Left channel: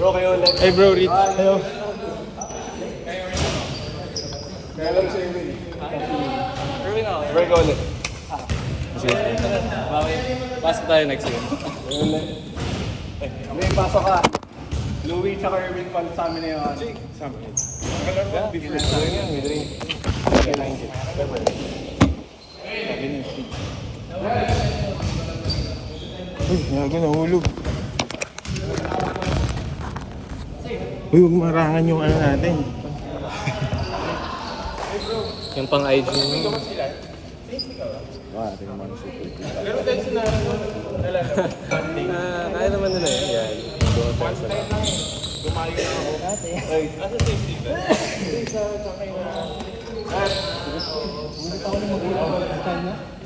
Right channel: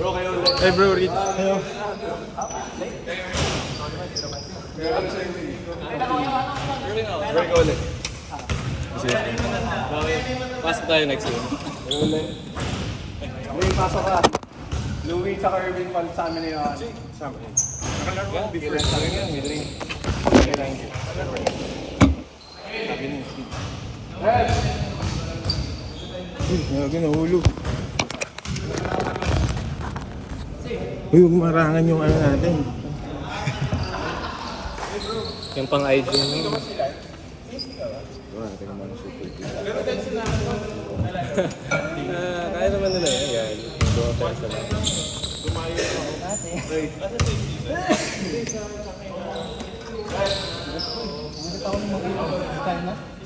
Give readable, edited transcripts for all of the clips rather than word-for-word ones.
Bro, kayo ulit. Hey bro, Rich. Hello. Kayo ulit sa inyo. Bro, kayo ulit. Pasok tayo next year. Kayo ulit. May pasok ka. Louie tsaka Irving pa sa amin na yun. Sa amin. Business na yun. May drink. Kailangan ko. Sabi ng speech. Uy, gago nahulog. Uy, huwag marangan yung ano natin. Yung pang IG mo. Tingnan mo ang super cool. Kaya naman nila yun. Yan. Doon tayo sa lang.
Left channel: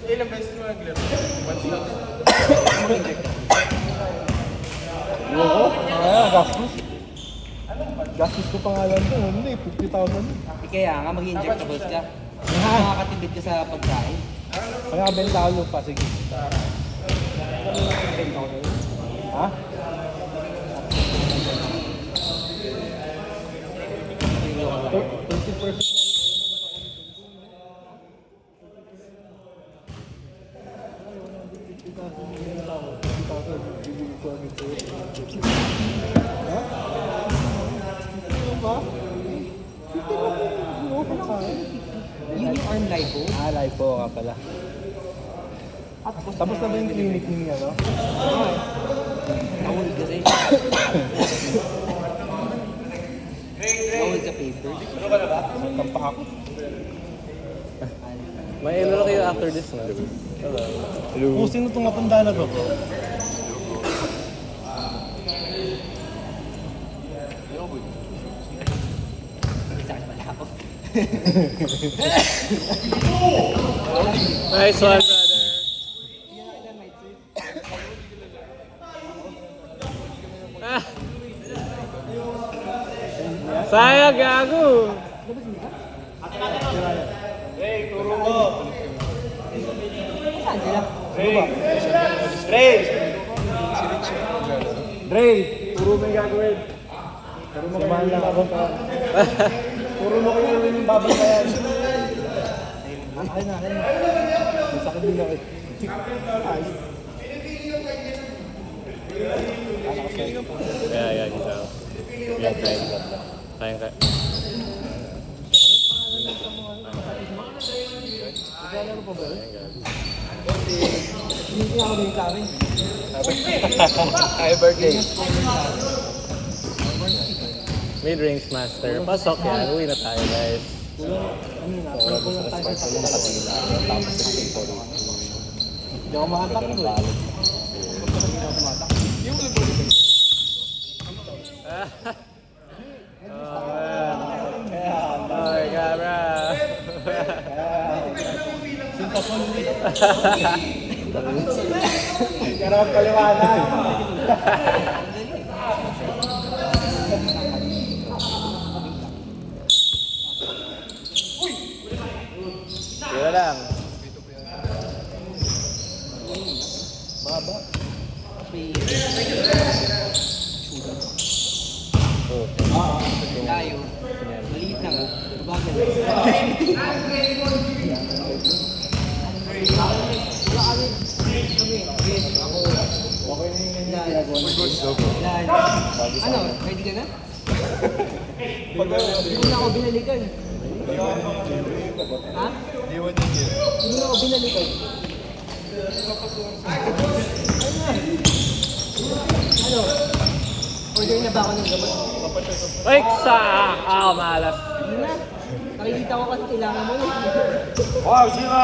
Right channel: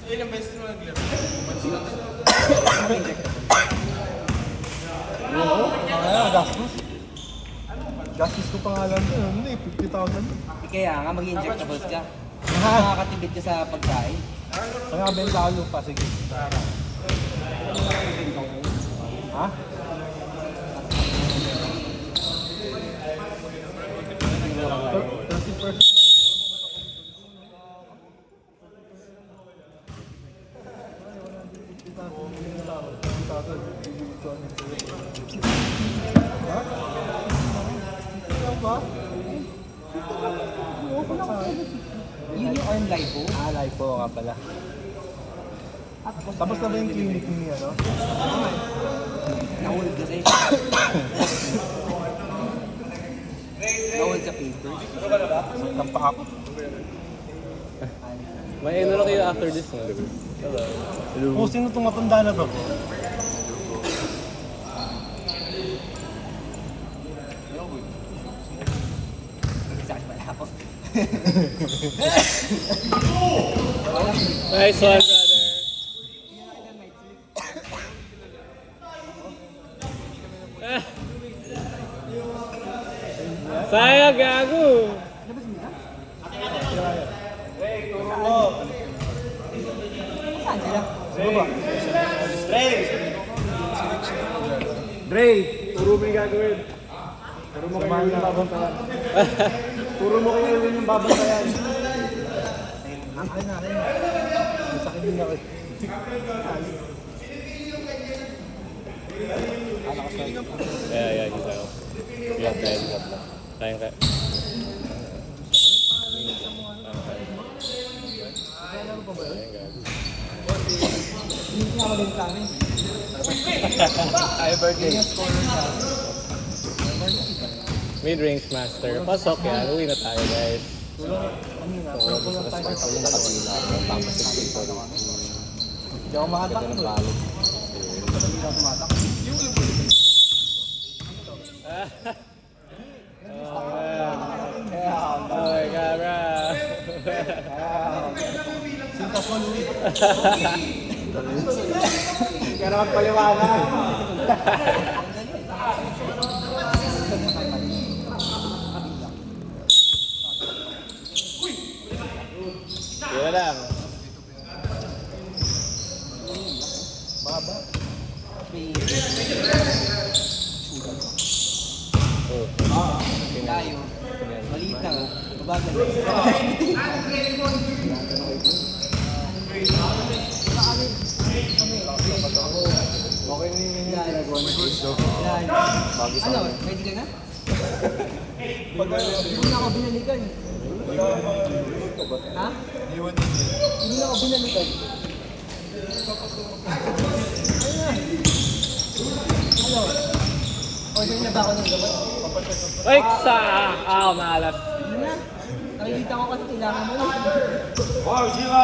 Ilang beses mo nag-left? Oo? Gastos? Gastos ko pangalan ko. Hindi, 50,000. Kaya nga, mag-injectables ka. Makakatibid ka sa pagkain. Kaya benta ko pa, sige. Ha? Yun yung arm lipo. Lipo ka pala. Tapos na ba yung clinic ni ano? Nahul kasi. Nahul sa papers. Tampak ako. May ano lang kayo after this na. Hello. Oh, sino itong matanda na to? Isa ka pala ako. Nice one, brother. Ah. Sayang, gago. Saan sila? Sino ba? Dre! Dre! Puro mo yung gagawin. Puro mo kayo yung babangkayan. Puro mo kayo yung babangkayan. Akin na. May sakit din ako. Yeah, isa ako. Yeah, kaya. Kaya ka. Naglalaro pa ba yun? Hindi nga ako din sa amin. Happy birthday. Mid-range master. Pasok yan. Uwi na tayo, guys. Tapos hindi ako makatak to eh. Oh, man. Oh my God, bro. Sinta ko ulit. Kaya magpaliwanag. Kaya lang. Mahaba. Oh. Tayo. Maliit na nga. Babagal. Okay na yung ginagawa ni Gusto. Ano? Ready ka na? Hindi na ako binalikan. Ha? Hindi na ako binalikan. Ano? Order na ba ako ng gamot? Ay, sa malas. Hindi na. Nakikita ko kasi kailangan mo na. Wow, Shiva!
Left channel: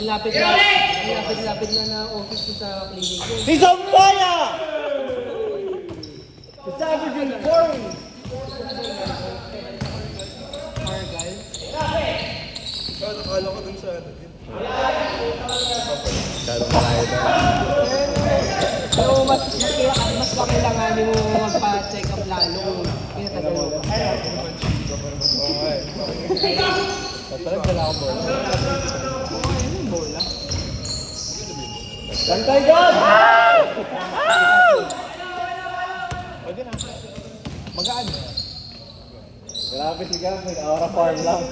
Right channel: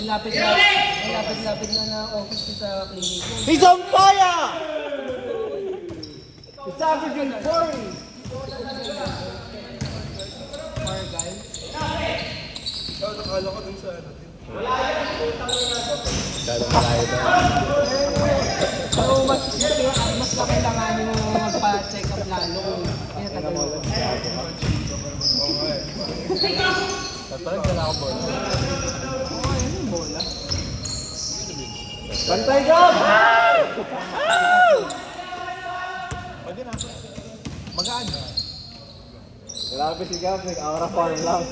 Ang lapit na office ko sa clinic ko. He's on fire! It's averaging 40! Margal. Ikaw, nakala ko dun sa ano. Masyadong malayo daw. So, mas kakailanganin mo magpa-check up lalo kung inatagal mo pa. Oo nga eh. At parang dala ko board. Bantay ka! Pwede na. Magaan na. Grabe si Gab, nag-aura farm lang.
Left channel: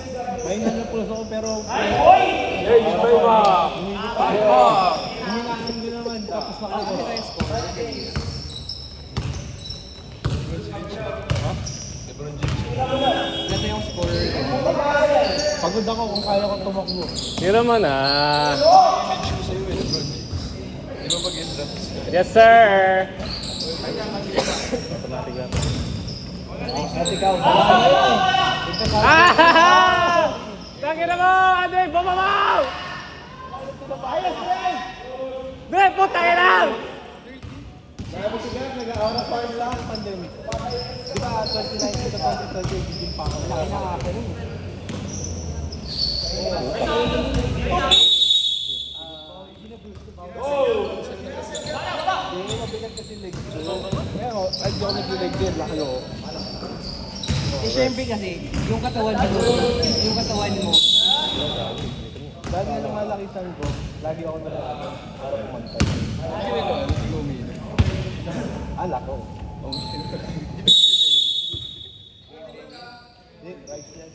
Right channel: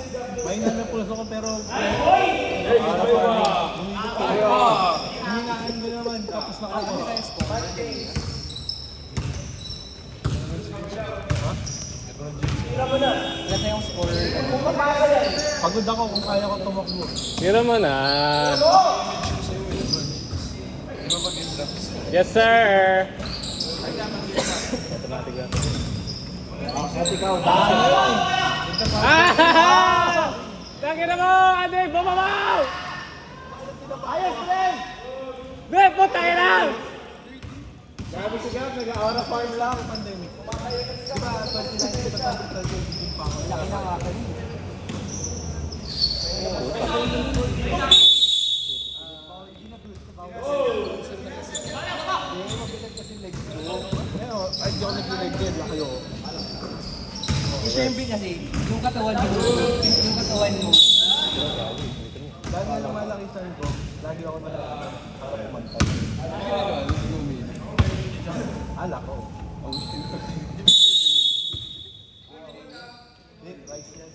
May nanapulos ako pero... Humingaan ko naman, tapos na ako. Ganda yung score. Pagod ako kung kaya ko tumakbo. Tira mo na. Yes, sir. Automatic lang. Kasi ikaw, dalawa na yun. Ah! Tangina mo, Andre, bumabaw! Ayos, Ren! Be, putang ina! Grabe si Gab, nag-aura farm lang, pandemic. Di ba, 29 to 2030, hindi pa ako. Laki na nga ako. Hindi, mabigat kasi legs ko. Pero, ay, di ako nag-leg din, laki ako. Eh, syempre kasi, yung katawan mo, Dahil nga lumalaki saan ko, lagi ako nalala para pumantay. Alak ko. Hindi, rice yan.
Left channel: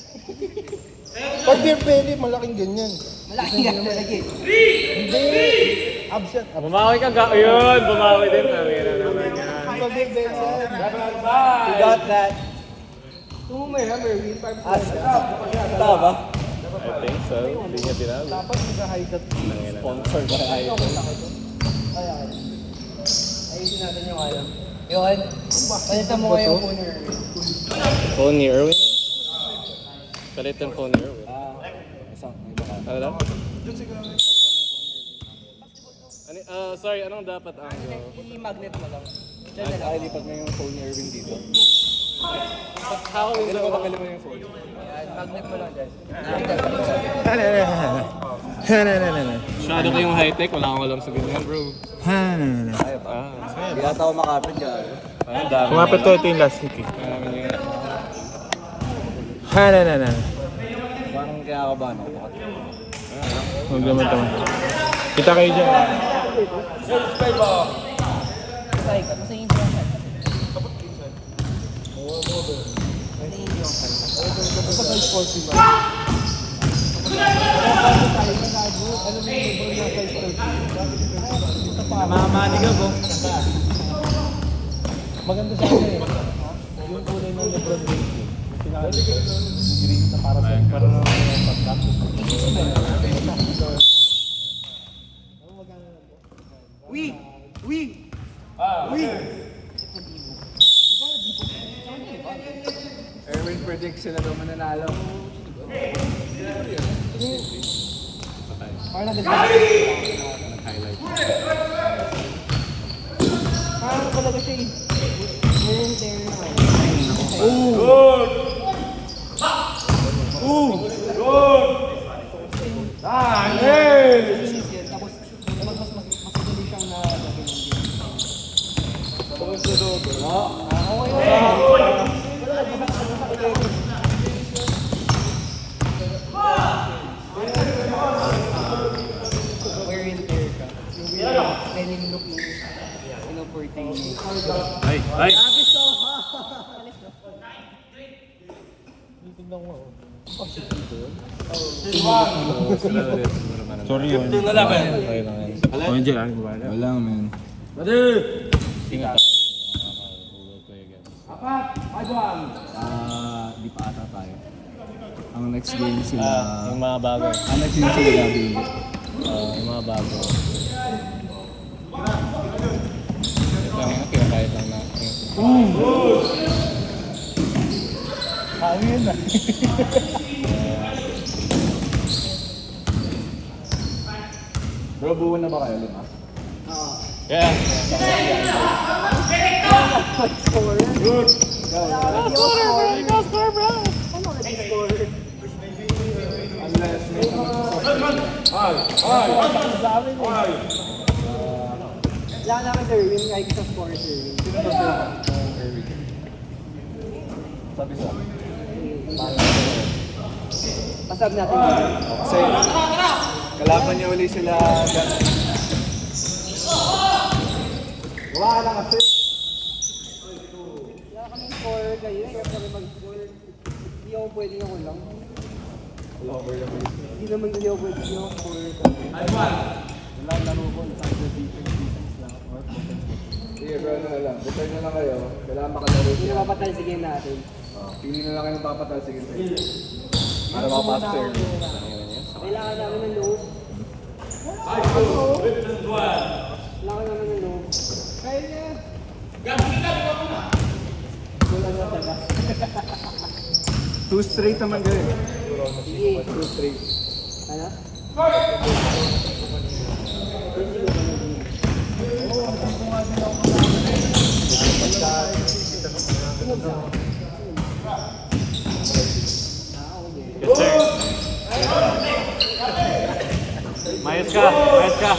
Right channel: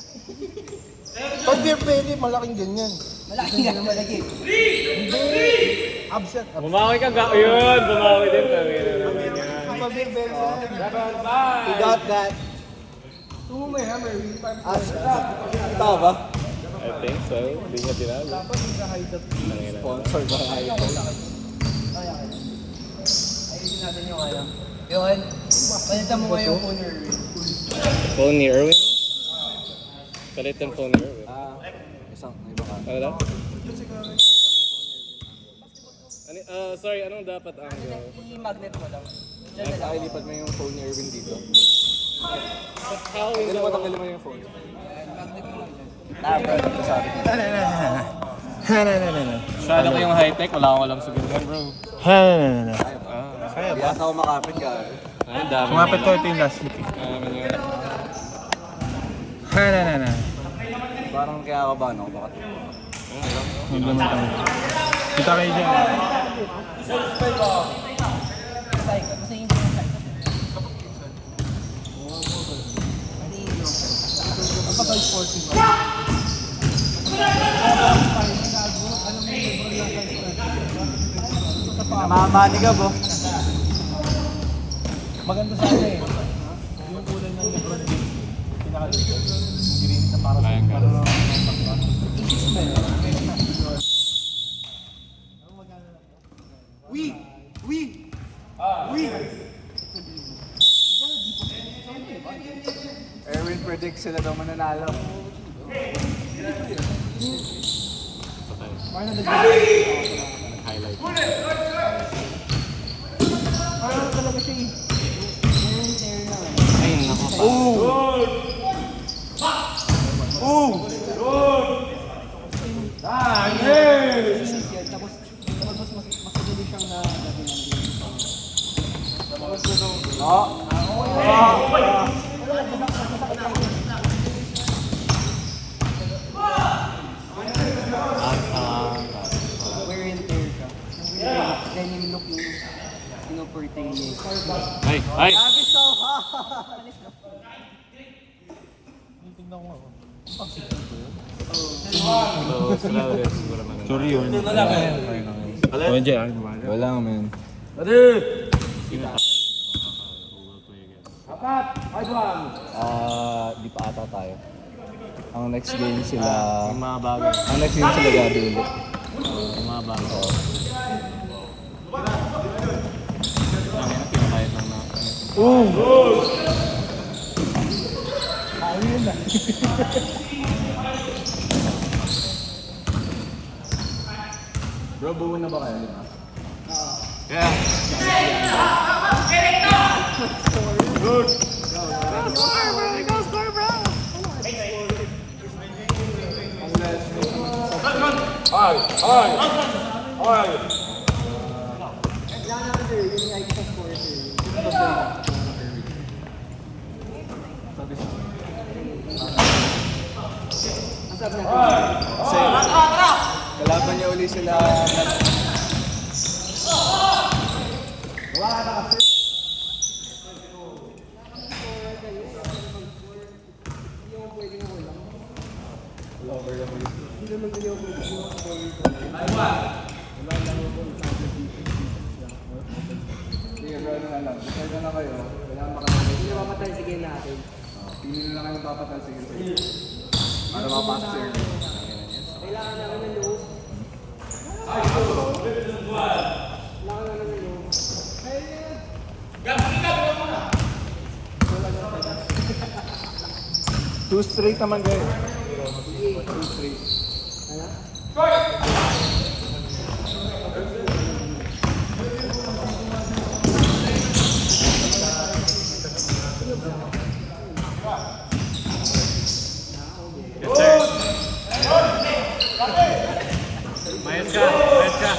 Pag beer belly, malaking ganyan. malaki nga malaki. Hindi! Absent. Bumawi ka ga. Ayun, bumawi din. Tangina naman yan. Pag beer belly yan. You got that. Tumumaya, Merwin. Tama ba? I think so. Hindi niya tinago. Dapat nag-hide that Tangina. sponsor ba kayo? Ayusin natin yung ano. Yung palitan mo ngayon phone ni Merwin. Phone ni Erwin? Palit ang phone ni Erwin. Isang, may baka. Ano daw? Sorry, anong dapat angle? I-magnet mo lang. Diyan na lang. Ay, lipat mo yung phone ni Erwin dito. How Hindi will naman tanggalin mo yung phone. Magnet mo lang dyan. Masyado ko yung high-tech, wala akong alam sa ganyan, bro. Hindi ata ako makapit ka. Ang dami. Kumapit ko, ito yung last week eh. Yun. Parang kaya ako ba, no? Huwag naman ito. Kita kayo dyan. Masaya yung side. Ang kapal sports ba? Namamani ka ba? Maganda sa akin eh. Yung kulay ng Lebron James. Yung pinakalikod. Yung green na para sa pagka. Erwin predicts sila daw mananalo. Highlight. Parang talaga siya eh. Linis yan. Tapos mas madali siyang na... Wear and tear ka. Yung denim look yung pinuportray niya. Ay! Ay! Tingnan ko. Sorry yun. Ano dyan? Wala man. Ingat tayo. Google Play again. Di pa ata tayo. Ang next game sila... Yung mga bago. Ang next game sila gabi ulit. Yung mga bago. Tangina, kinakayat lang na. Ano yun na? Bro, buo na ba kayo? Lima? Yeah. Wala naman sir, yung like sa score sir. Sabi sa Pasab natin. kasi kalaban niya uli sila Wala kasi. Wala kami score kayo. Kaya kami mag-score. Hindi ako pwede yung ulang. Hindi naman hindi ako pwede yung score. Sige, bro, na lang. Decide na lang kayo. Kailangan makatalo. Hindi na mapatay, sige natin. Pili na lang kayo ng papatal. Sige, sige. Para makapasok sa early. Kailangan namin ng load. Kailangan namin ng load. Two straight naman kayo. Sige. Two straight. Ano? Yes, sir. Mayos ka, mayos ka.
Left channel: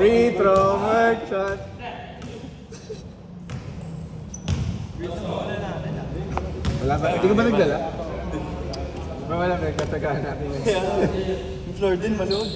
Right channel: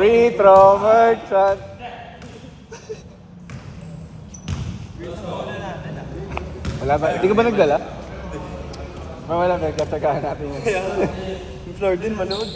Free throw, merchant. Wala ba? Hindi ka ba nagdala? Wala, nagkatsagaan natin. Yung floor din, manood.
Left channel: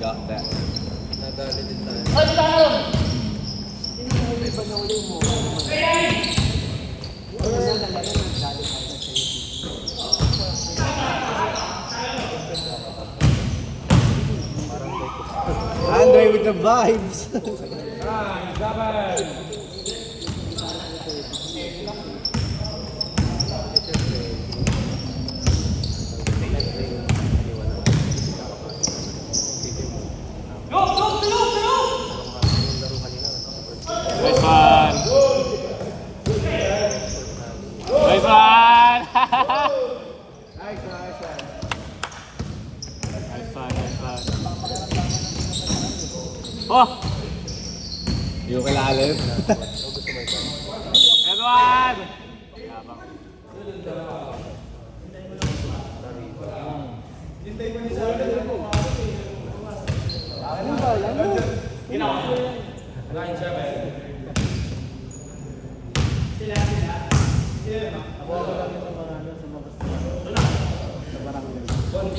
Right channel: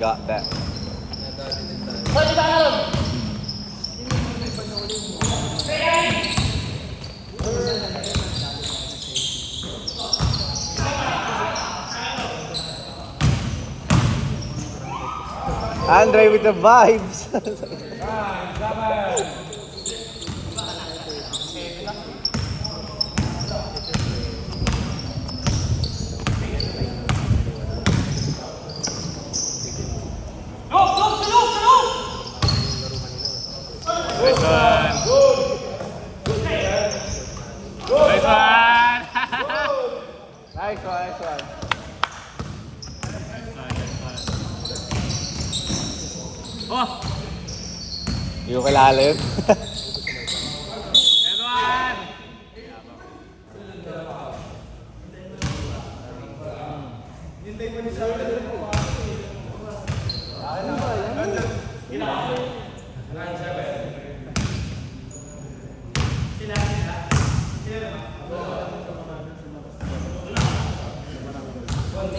Got that. Andre with the vibes. Nice one. Nice one. Nice one, nice one. Nice one, nice one. Oh! Yung kalalim. Edward!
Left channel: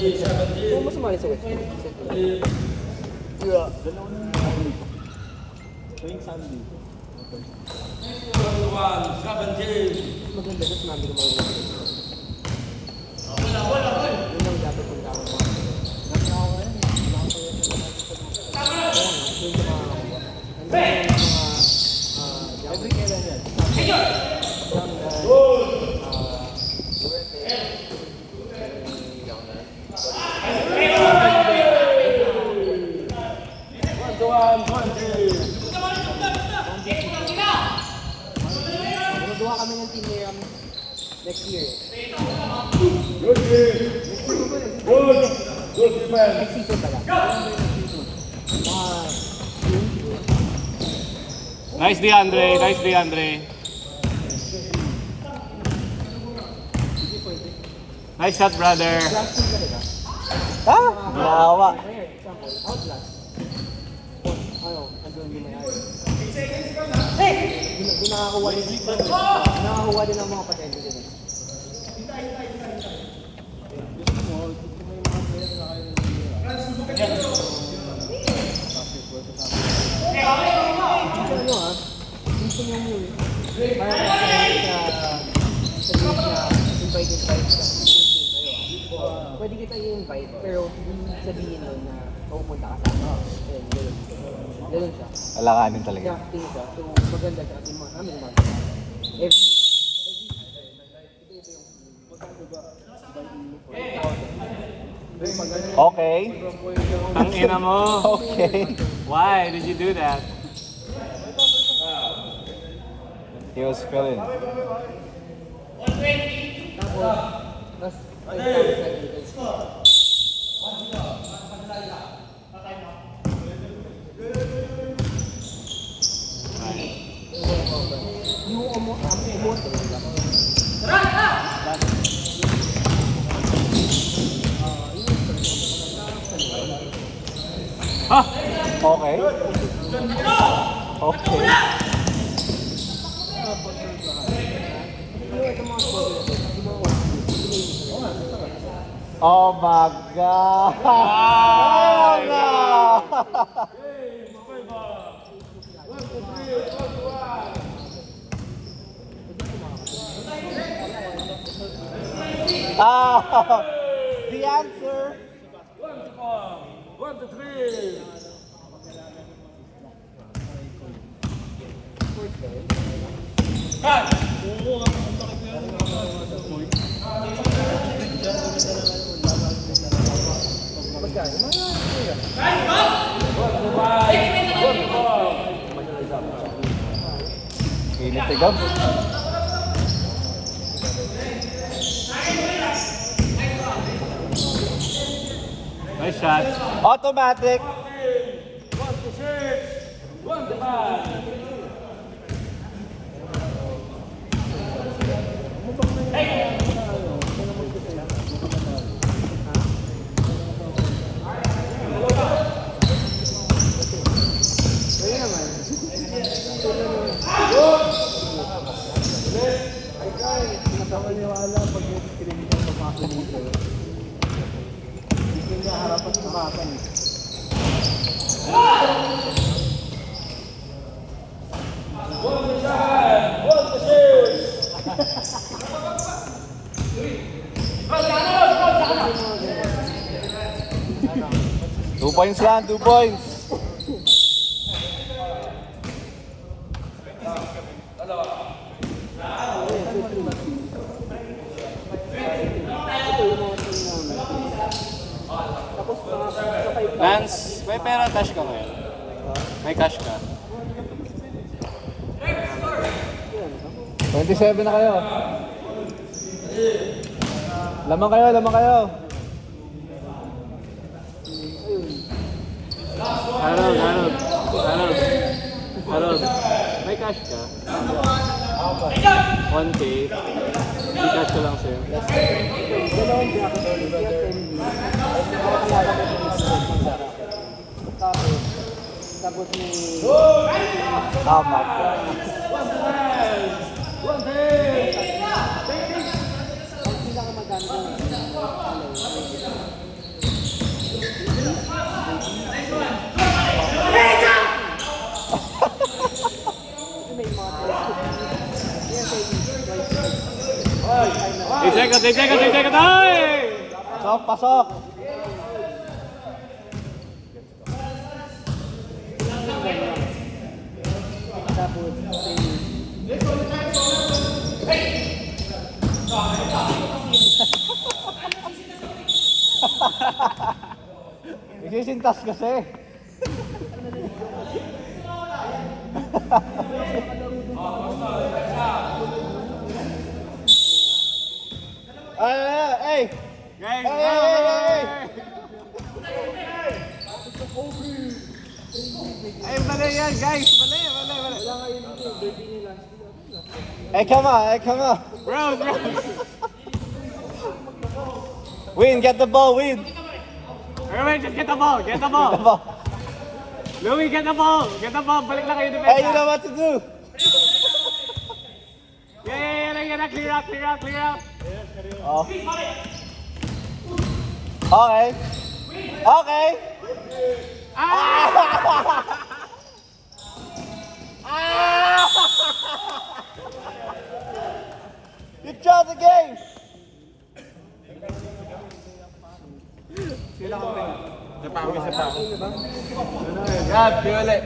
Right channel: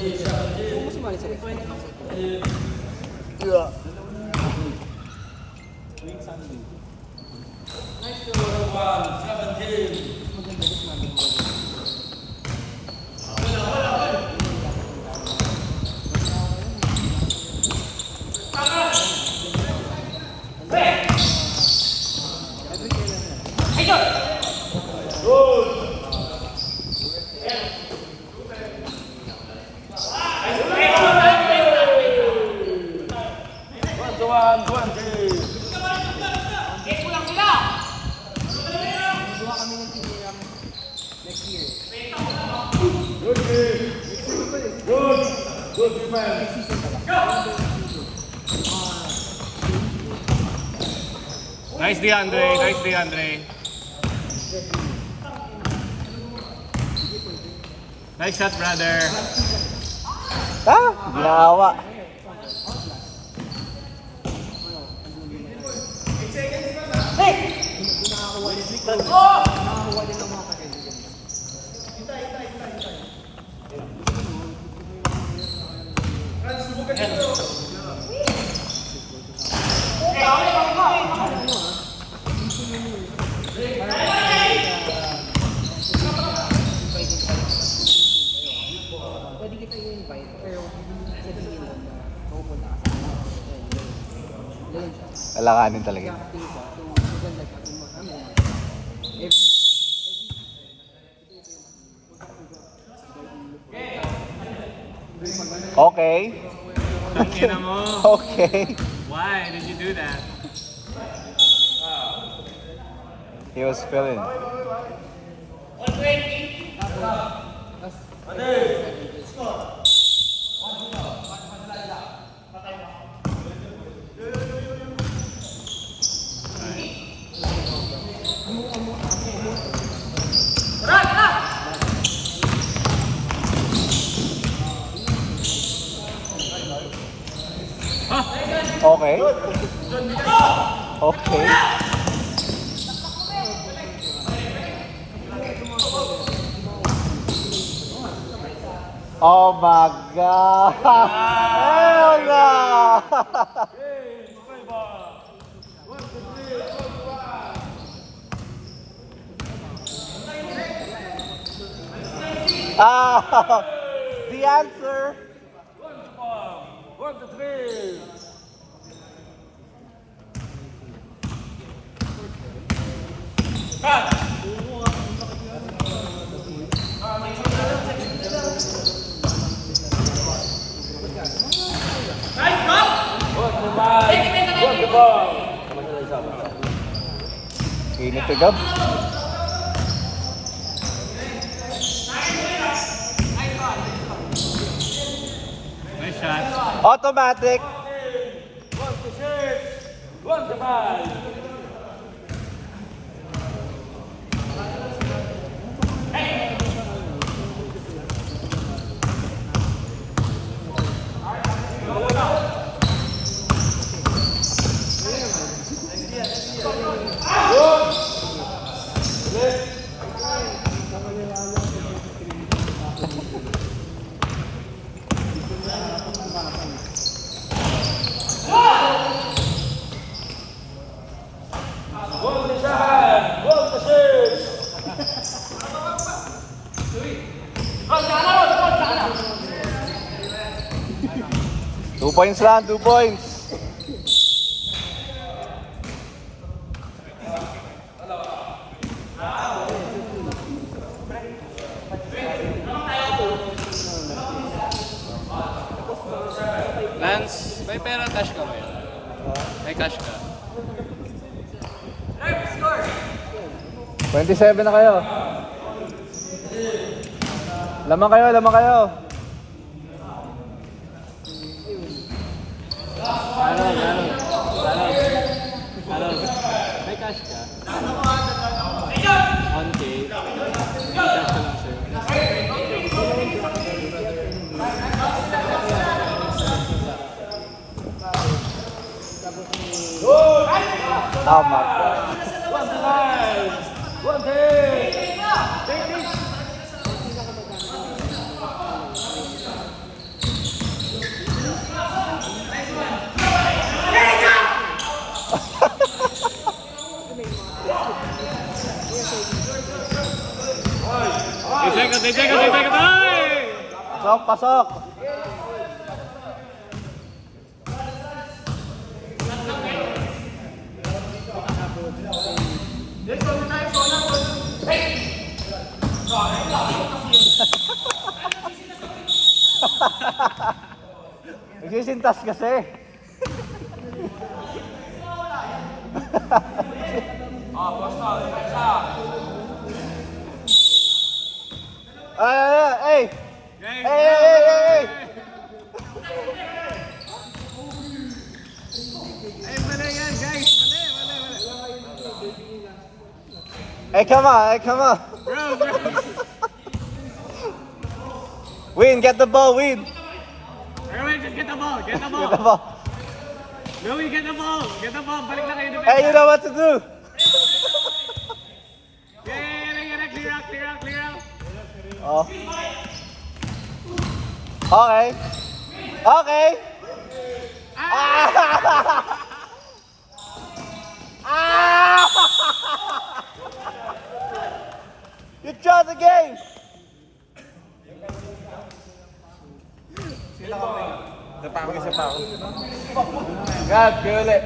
Sino mo sumali sa West? Maganda gusto namin yung mga Magawa kami ng team next year. Good defense. Next season talaga. Nice DeAndre, nice DeAndre. Nice shot, brother. Nakawa. Nakakuha din ang mga patente din. Pwede kita i-invite, pero sabihin doon na pupunta ka sa akin. Ayun, ganun siya. Alakanin talaga. Drafting siya. So, maganda siya. Every Okay. Ang ina mo. Okay. Why did you do that? He was feeling. Okay. Okay. Oh my God! Hell no! Ah, the answer. Init agad. Nice shot. Automatic. Two points lang, 2 points. Lance, may pera cash ka ngayon? May cash ka? 27 na kayo. Lamang kayo, lamang kayo. Harold, may cash ka? 1K. May cash ka lang sa'yo. Oh my God. Take second! Ay! Pasok, pasok. Isisintas kasi. Hey! Guys, Hey! ay, mali yan, guys! Mali! Hey, come on! Bro! Win, get the ball, win! Okay, just get the ball! Get the ball. Louie, get the ball! Balik na kayo ni Hey, you know what to do! Yeah, clear out! Oh. Okay. You draw the game. Sila kami. Napangis sa tao. Oh my God, feel it.